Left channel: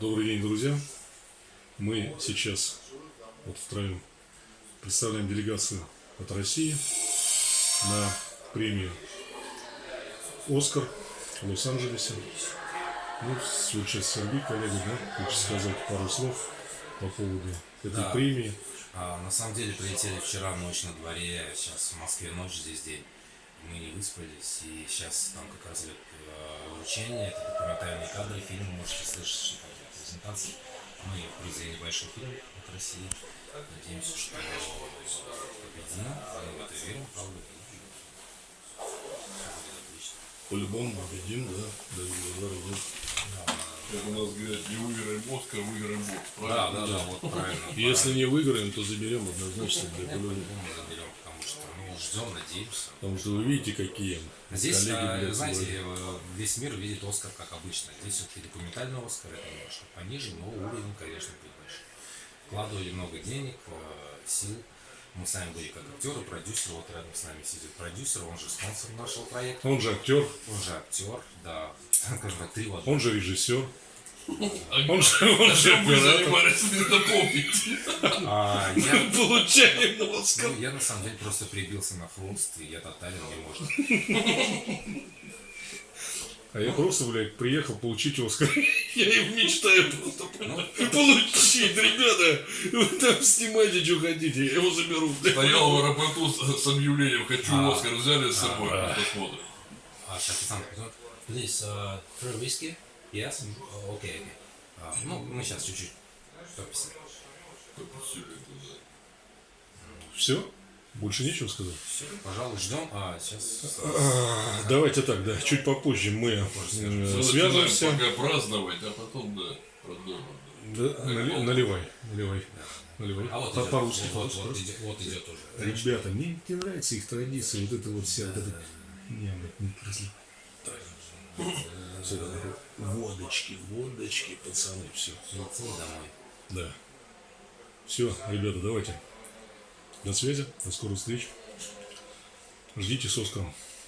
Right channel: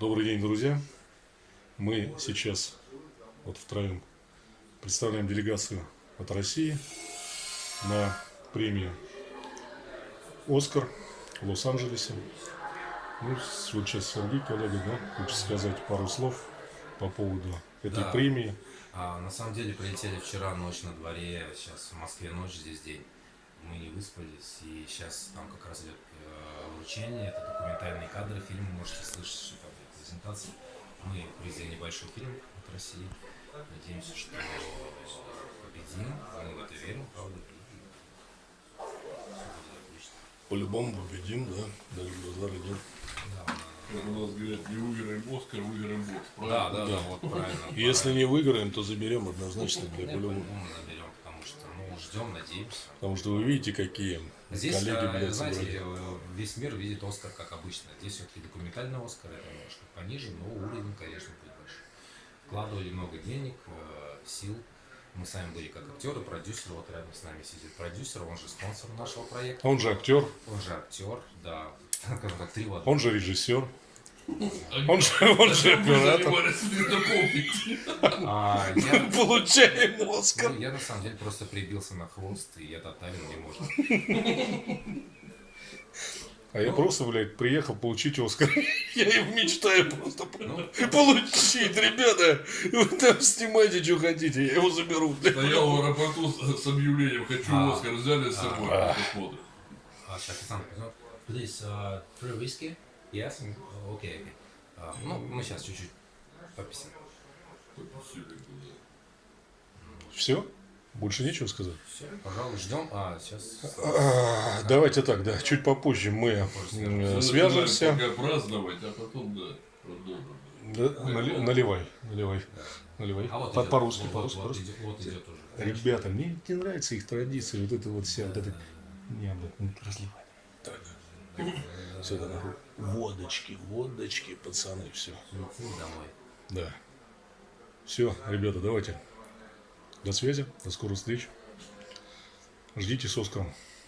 Добрый день, друзья. Мы сейчас вот втроем представляем делегацию от России на премию «Оскар» в Лос-Анджелесе. Ну, вот сейчас Сергей, коллега, да, хочет сказать пару слов по поводу этой Да. премии. На самом деле прилетели вчера, ночь на дворе, сейчас в Москве ночь, здесь день. Мы не выспались, и сейчас там как раз идет вручение, это документальные кадры фильма, можете слышать там презентации. Мы привезли небольшой фильм от России, надеемся, что победим, мы в это верим, правда, и все будет отлично. По-любому победим, да, даже глаза идет. Как у нас говорят, не выиграем Оскар, выиграем бокс, Да, правильно? да, вот правильно. Если не выиграем, то заберем однозначно для по-любому. По-любому заберем, потому что ждем, надеемся. Потому что вы видите, какие Здесь, коллеги, блядь, знаете, собрали. весь мир видит Оскар как обычно. Здесь все-таки документальный Оскар, это немножко пониже, но уровень, конечно, будет выше. Вкладывали много денег, сил. Мы сами были как актеры, продюсеры, вот рядом с нами сидит продюсер, он же спонсор нашего проекта. Он же актер, Он же актер, да, скажем так, три в одном. он же режиссер. Он же Чем мы оператор. занимались, не напомните. Я, Получаем Оскар. я на самом деле просто прибился на хвост, и я тотален, мне можно. А я просто, блядь, приехал получить Оскар. Я его мечтаю просто получить, ребята. Вы там снимайте, что хотите, я его заберу. блядь. Стоял в аэропорту с объявлением «Хочу Оскар», взяли с собой, посмотрим. Официант, please, free whiskey? Yes? Окей. Ну, мы сейчас чуть-чуть пописаем. Все? Больше нечего сказать? Все, пожалуй, ждем. Сейчас... Давайте так, да, чуть попозже мы свяжемся. Пока праздновать, а потом, да, продолжим. Да, наливай. А вот идет, По-русски, вот идет уже. Ребята, мне не нравится их традиция, вот это вот вся, вот это... Не, блядь, не разливай. Сюда, водочки, пацаны, все. Летим домой. Да. Все, ребята, давайте. До связи, до скорых встреч. Ждите с Оскаром.